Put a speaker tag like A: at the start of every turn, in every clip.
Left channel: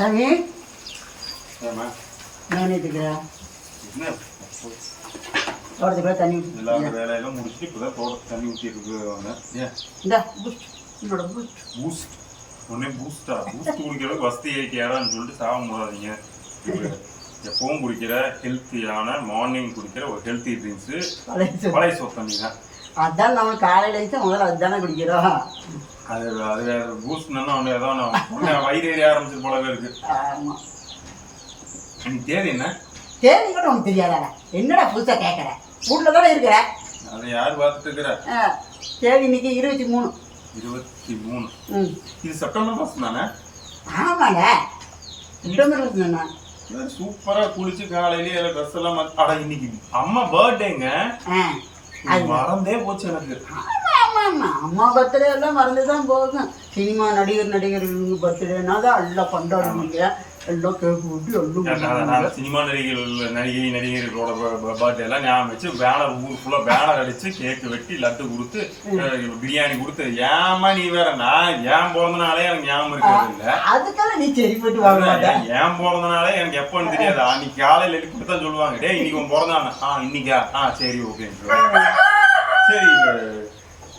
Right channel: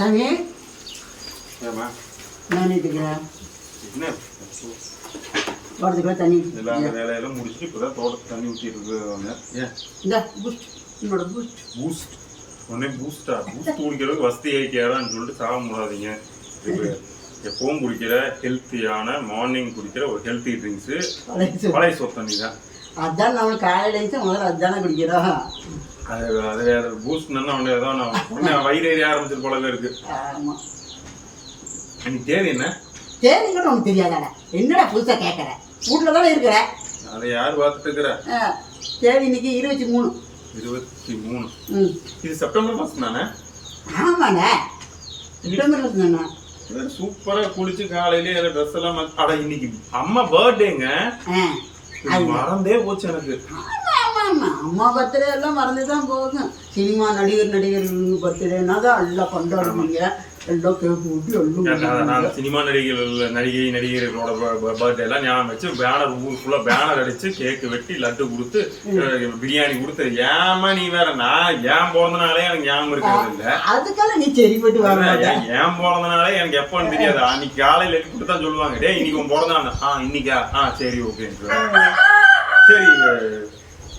A: சாமி? நான் இருக்கிறேன்
B: என்ன?
A: தோட்டத்துக்குள்ள தண்ணி.
B: எல்லா வேலையெல்லாம் முடிச்சுட்டு இப்போதான் தோட்டத்துக்கு தண்ணி ஊற்றிட்டு இருக்காங்க ஏன்?
A: இந்த பூஸ்ட் என்னோட பூஸ்ட்
B: பூஸ்ட் உடனே பூஸ்டா பூஸ்ட் குடிக்கிறதுக்கு வசதி ஆகிக்காரான்னு சொல்லிட்டு சாக முடியாதீங்க இப்போ எப்பவும் குடிக்கிற ஹெல்த்தியான மார்னிங் குடிக்கிற ஒரு ஹெல்த்தி ட்ரிங்க்ஸு
A: பழைய சொல்.
B: பழைய சோறு தண்ணி தான்
A: அதான் நம்மளுக்கு காலையில முதல்ல அதுதானே குடிக்கிறோம்.
B: அது அது வேற பூஸ்ட்னா உடனே ஏதோ உடனே வயிறு ஏறி ஆரம்பிச்சது போலவே இருக்கு.
A: ஆமா.
B: எனக்கு தேதி என்ன?
A: தேதி கூட உனக்கு தெரியாதாடா என்னடா புதுசா கேட்குற வீட்டில் தானே இருக்கிற?
B: அதை யார் பார்த்துட்டு இருக்கிற?
A: தேதி இன்னைக்கு இருபத்தி மூணு.
B: இருபத்தி மூணு.
A: ம்.
B: இது செப்டம்பர் மாதம் தானே?
A: ஆமாண்ணே. செப்டம்பர் தானே?
B: சூப்பரா குளிச்சு காலையிலே ட்ரெஸ் எல்லாம் அட இன்னைக்கு அம்மா பர்த்டேங்க மறந்தே போச்சு எனக்கு.
A: ஆமா ஆமா ஆமா அம்மா பர்த்டே எல்லாம் மறந்து தான் போகும் சினிமா நடிகர் நடிகர்கள் பர்த்டேனா தான் எல்லாம் கொண்டாடுவீங்க எல்லாம் கேக் ஊட்டி எல்லாம்
B: சினிமா நடிகைகள் நடிகை நடிகர்களோட பர்த்டே எல்லாம் ஞாபகம் வச்சு பேனர் ஊர் ஃபுல்லா பேனர் அடிச்சு கேக் வெட்டி லட்டு கொடுத்து பிரியாணி கொடுத்து ஏமா நீ வேற நான் ஏன் பிறந்தனாலே எனக்கு ஞாபகம் இருக்கிறது இல்ல?
A: அதுக்கெல்லாம் நீ சரிப்பட்டு மாட்டேன்
B: ஏன் பிறந்தனாலே எனக்கு எப்போன்னு தெரியாது. அன்னைக்கு காலையில எழுப்பி கொடுத்தா சொல்லுவாங்க டேய் இன்னைக்கு உன் பிறந்த நாள் ஆ இன்னைக்கா? ஆ சரி ஓகே சரி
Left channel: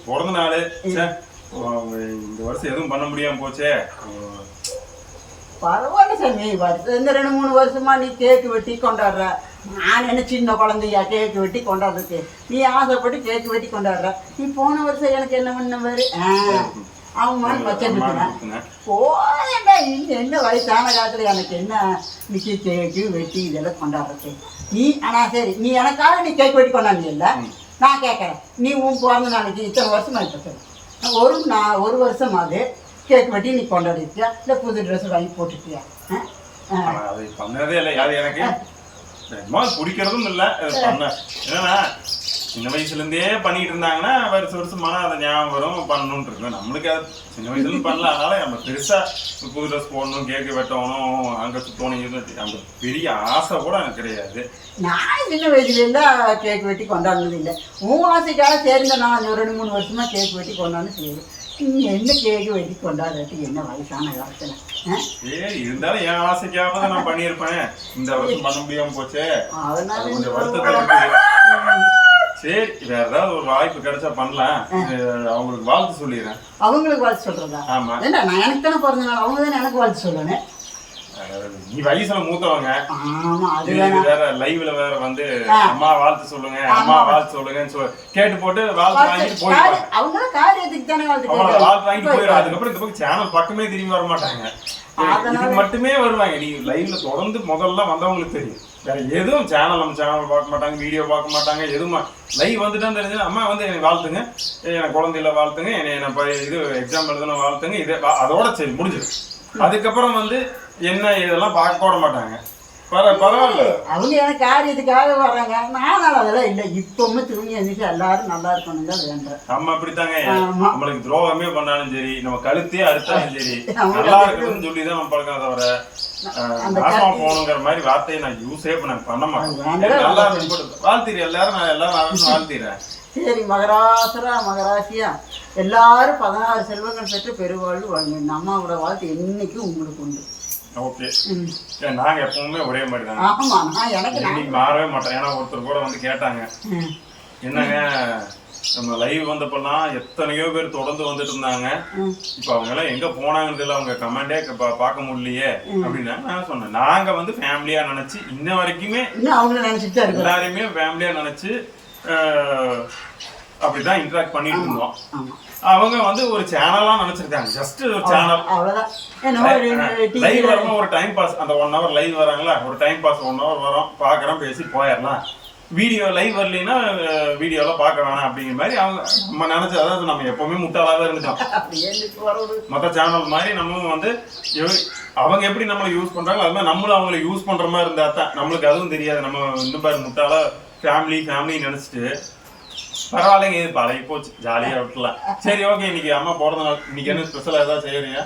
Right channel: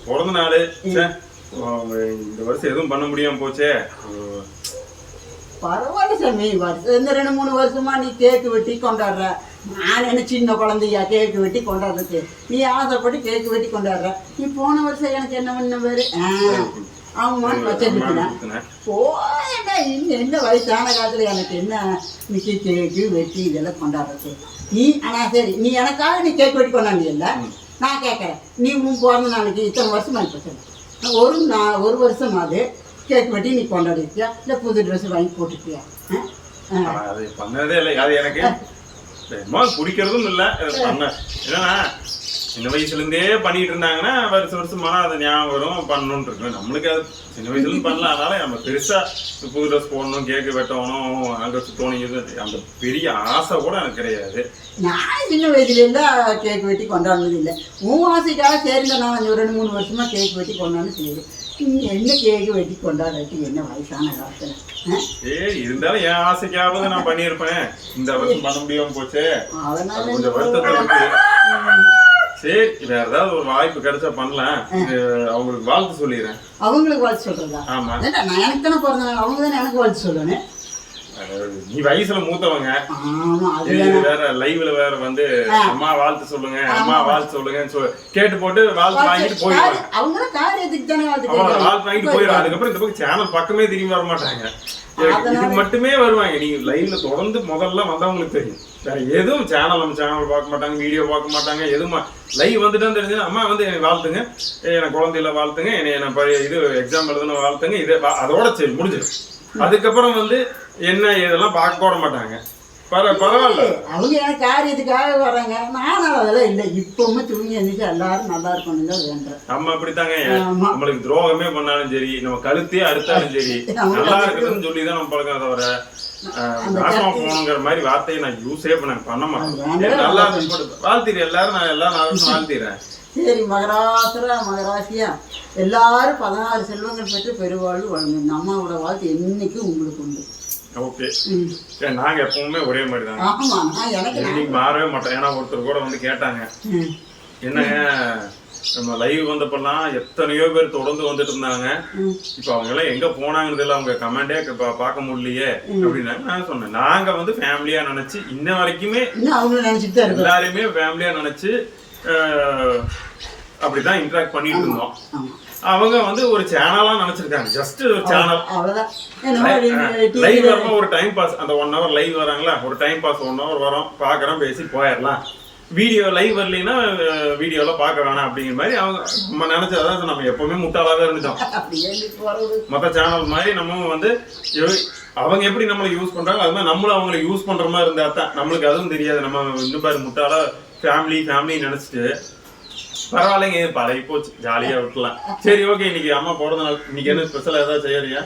B: பிறந்த நாள். இந்த வருஷம் எதுவும் பண்ண முடியாம போச்சே.
A: பரவாயில்ல சாமி. வருஷம் இந்த ரெண்டு மூணு வருஷமா நீ கேக்கு வெட்டி கொண்டாடுற. நான் என்ன சின்ன குழந்தையா? கேக்கு வெட்டி கொண்டாடுறதுக்கு. நீ ஆசைப்பட்டு கேக்கு வெட்டி கொண்டாடுற. நீ போன வருஷம் எனக்கு என்ன பண்ண பாரு? அவங்க வச்சிருக்கேன். போயடா இன்னும் என்ன வயசான காலத்துல எனக்கு என்ன மிக்கி கேக்கு வெட்டி இதெல்லாம் கொண்டாடுறது? நீ ஆனா சரி நீ எனக்காக நீ கேக் வெட்டி கொண்டாண்டியல்ல நான் கேட்குறேன். நீ உன் பிறந்த நாளைக்கு இத்தனை வருஷமா இப்போ ஒரு நான் ஒரு வருஷமாவது கேக் வெட்டி நீ கொண்டாடிருக்கியா? இல்லை புது ட்ரெஸ் வாங்கி போட்டுருக்கியா?
B: அது பண்ணதே இல்லை. அது எனக்கு பிடிக்கிறதும் இல்லை. பண்ண. என்னன்னா சின்ன வயசுல இருந்தே பண்ணிட்டு இருந்தாங்கன்னா வருஷம் வருஷம் மனம் அதை ஞாபகம் வரும் பண்ணணும்னு இருக்கு நம்மளுக்கு அது சின்ன வயசுல இருந்து பண்ணல அதனால நம்ம பெருசா புது ட்ரெஸ் போடணும் கேக்கு வெட்டணும் அங்க இது அந்த பெரிய ஆசை கூட எனக்கு கிடையாது.
A: நான் சின்ன வயசுல இருந்தா கேக் வெட்டி கொண்டாடினது இல்லை. உன் ஆசைக்காக சேர்ந்த நான் ரெண்டு மூணு வருஷமா கேக் வெட்டி சரி நீ என்ன கேக்கு வெட்டி கொண்டாடாட்டி என்ன வயசான காலத்துல?
B: ஏய் இருந்தாலும் என் ஆசைக்காவது நான் பண்ணியிருப்பேன். இந்த வருஷம் பண்ண முடியாம போச்சே.
A: அதனால
B: அது கொஞ்சம்
A: ம்.
B: சரி வேற ஏதாவது ஒரு வாய்ப்பு கிடைச்சா பண்ணலாம். அவங்களுக்கு வாழ்த்து சொல்லிடுறேன்.
A: அவங்களுக்கு வாழ்த்து சொல்றதா?
B: ஆமா.
A: நான் எனக்கு தானே பிறந்த நாள் அவங்க தானே எனக்கு வாழ்த்து சொல்லணும்
B: நீ வயசுல மூத்தவங்க. வேற. லைவ்ல வேற வந்து அம்மா வாழ்த்து சொல்லுங்க அம்மா வாழ்த்து சொல்லுங்கன்னு சொல்லி கேட்டு போட்டு வாழ்த்து வாங்கிட்டு போயிடுவாங்க.
A: அவங்க தான் காரியத்துக்கு தானே வாழ்த்து
B: வாங்கிட்டு போயிடுவாங்க. அதுக்கப்புறம் இந்த பக்கம் சேனல் பக்கமே திரும்பி வர மாட்டாங்க இதுக்கு மட்டுமே வருவாங்க. நீ லைவ்ல தொடர்ந்து முதல்ல வந்தவங்களுக்கு தெரியும். வேற எதுவும் சேனல் நம்ம சேனல் பார்க்க மாட்டாங்க வீடியோ பார்க்க மாட்டாங்க எதுவும்? லைவ் வந்துட்டு தெரிஞ்சு அம்மா வந்து என்னை வாழ்த்துங்க. எனக்கு குழந்தையில வாழ்த்துங்க என்னை என்ன இது எக்ஸாம் எழுதுன வாழ்த்துங்க இது அதோட சரி முடிஞ்சிடும். அதுக்கப்புறம் வந்து என்ன இதெல்லாம் பார்க்க கூட மாட்டாங்க. பரவாயில்ல.
A: அவங்க எனக்கு காரியத்துக்காக வர்றாங்க? நான் அதெல்லாம் இல்லை. இப்பவுமே தூங்கி எழுந்திரிச்சு எல்லாரும் நல்லா இருக்கணும் தான் வேண்டுறேன்.
B: நம்ம அப்படித்தாங்க. நம்மளுக்கு துரோகமே பண்ணாலும் சரி நம்ம கழுத்தே அறுத்தாலும் சரி நல்லா இருக்குதுன்னு சொல்லி தான் நம்ம பழக்கம் தவிர போகணுங்கிற மாதிரி வார்த்தையை நான் யூஸே பண்ண பண்ண மாட்டேன். நல்லா வாழ்த்திடு எல்லாரும் நான் எல்லாரும் வாழ்த்திடுறேன்
A: சரி மகராசரா மகராசியா? எல்லாரும் பதினாறு செல்வங்கள் பெற்று பெருவாழ்வு வாழ்ங்க இந்த அம்மாவோட வாழ்த்து என்னைக்கும் உங்களுக்கு உண்டு.
B: ஓகே. நாங்க எப்பவுமே ஒரே மாதிரி தான்
A: ஆமா நான் எனக்கு நான்
B: இன்னைக்கு மாறவே மாட்டோம். ஏன்னா ஒருத்தர் கூட வந்து கேட்டாங்க. என்னங்க நம்ம லைவ் வந்தப்பெல்லாம் எத்தனையோ பேர் தொடர்ந்து வந்துட்டு இருந்தாங்க. இப்ப அவங்க எல்லாம் எங்க போனாங்கன்னு தெரியல. அவங்க கமெண்டே பார்க்க முடியலையே அப்படின்னாங்க. நான் சொன்னேன். நாங்க வந்து ஃபேமிலியா நினைச்சு இன்ன வரைக்குமே எல்லாரையுமே ஃபேமிலியா நினைச்சு அப்படிதான் இன்டராக்ட் பண்ணிட்டு இருந்தோம் அவங்க வந்து ஒரு சேனலா நினைச்சிருக்காங்க. ஜஸ்ட் ஒரு சேனல் லைவ் வரும்போது ஒரு டைம் பாஸ் அந்த ஒன் ஹவர் லைவ் வராங்களா? ஒரு டைம் பாஸ் ஒன் ஹவர் வரோம். பார்க்குறோம் பேசி போயிடலாம். வீடியோ லைவ் வரலைன்னா வீடியோல பார்க்க வேணாம் அப்படிங்கிற மாதிரி அவங்க நம்ம நினைச்சு அதாவது நம்ம எப்பவுமே முட்டாளாவே இருந்துட்டோம். மற்ற சேனல் மாதிரி நம்ம வந்து அவங்க எப்படி நம்மளை யூஸ் பண்றாங்க அது மாதிரி நம்மளும் அவங்கள யூஸ் பண்ற மாதிரி இருந்தா தான். நம்மளுக்கு அதுவும் தெரியாது. நம்ம இன்னும் பாரு முட்டாளா ஃபேமிலி ஃபேமிலி நினைச்சிட்டு. பரவாயில்லைங்க இது பழகி போச்சு. ஜாலியா விட்டுலாம் சரி ஓகே இன்னைக்கு அம்மா பிறந்த நாள் இன்னைக்கு என்ன ஸ்பெஷல் ஏதாவது செய்யறியா?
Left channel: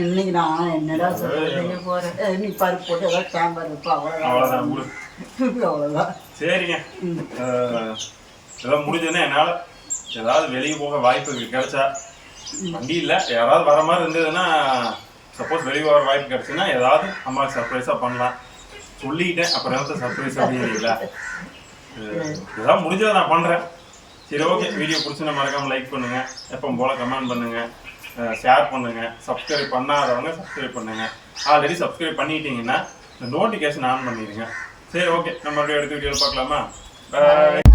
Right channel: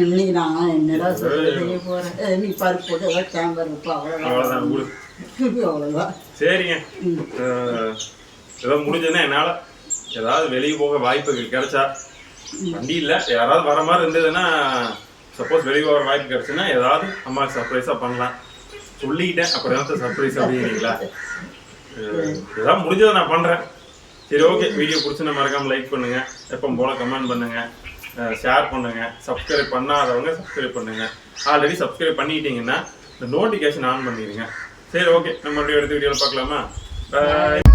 A: இன்னைக்கு நான் என்னடா சொல்றது? போறேன். பருப்பு போட்டு ஏதாவது சாம்பார் இருப்பா
B: அவ்வளவுதான்.
A: அவ்வளவுதான்
B: சரிங்க. ஏதோ முடிஞ்சதுன்னா என்னால ஏதாவது வெளியே போக வாய்ப்பு கிடைச்சா வண்டி இல்ல. யாராவது வர மாதிரி இருந்ததுன்னா சப்போஸ் வெளியே வர வாய்ப்பு கிடைச்சுன்னா ஏதாவது அம்மாவுக்கு சர்ப்ரைஸாக பண்ணலாம். சொல்லிக்கிட்டேன் அப்புறம் சர்ப்ரைஸ் அப்படிங்கிறீங்களா அஹ் ஏதாவது முடிஞ்சதை நான் பண்றேன். சரி ஓகே வீடியோ பிடிச்சுன்னா மறக்காம லைக் பண்ணுங்க. எப்போ போல கமெண்ட் பண்ணுங்க. ஷேர் பண்ணுங்க. சப்ஸ்கிரைப் பண்ணாதவங்க சப்ஸ்கிரைப் பண்ணுங்க. ஆல்ரெடி சப்ஸ்கிரைப் பண்ணிட்டீங்கன்னா இந்த நோட்டிஃபிகேஷன் ஆன் பண்ணிடுங்க. சரி ஓகே நம்ம மறுபடியும் அடுத்த வீடியோவில் பார்க்கலாமா? பாய்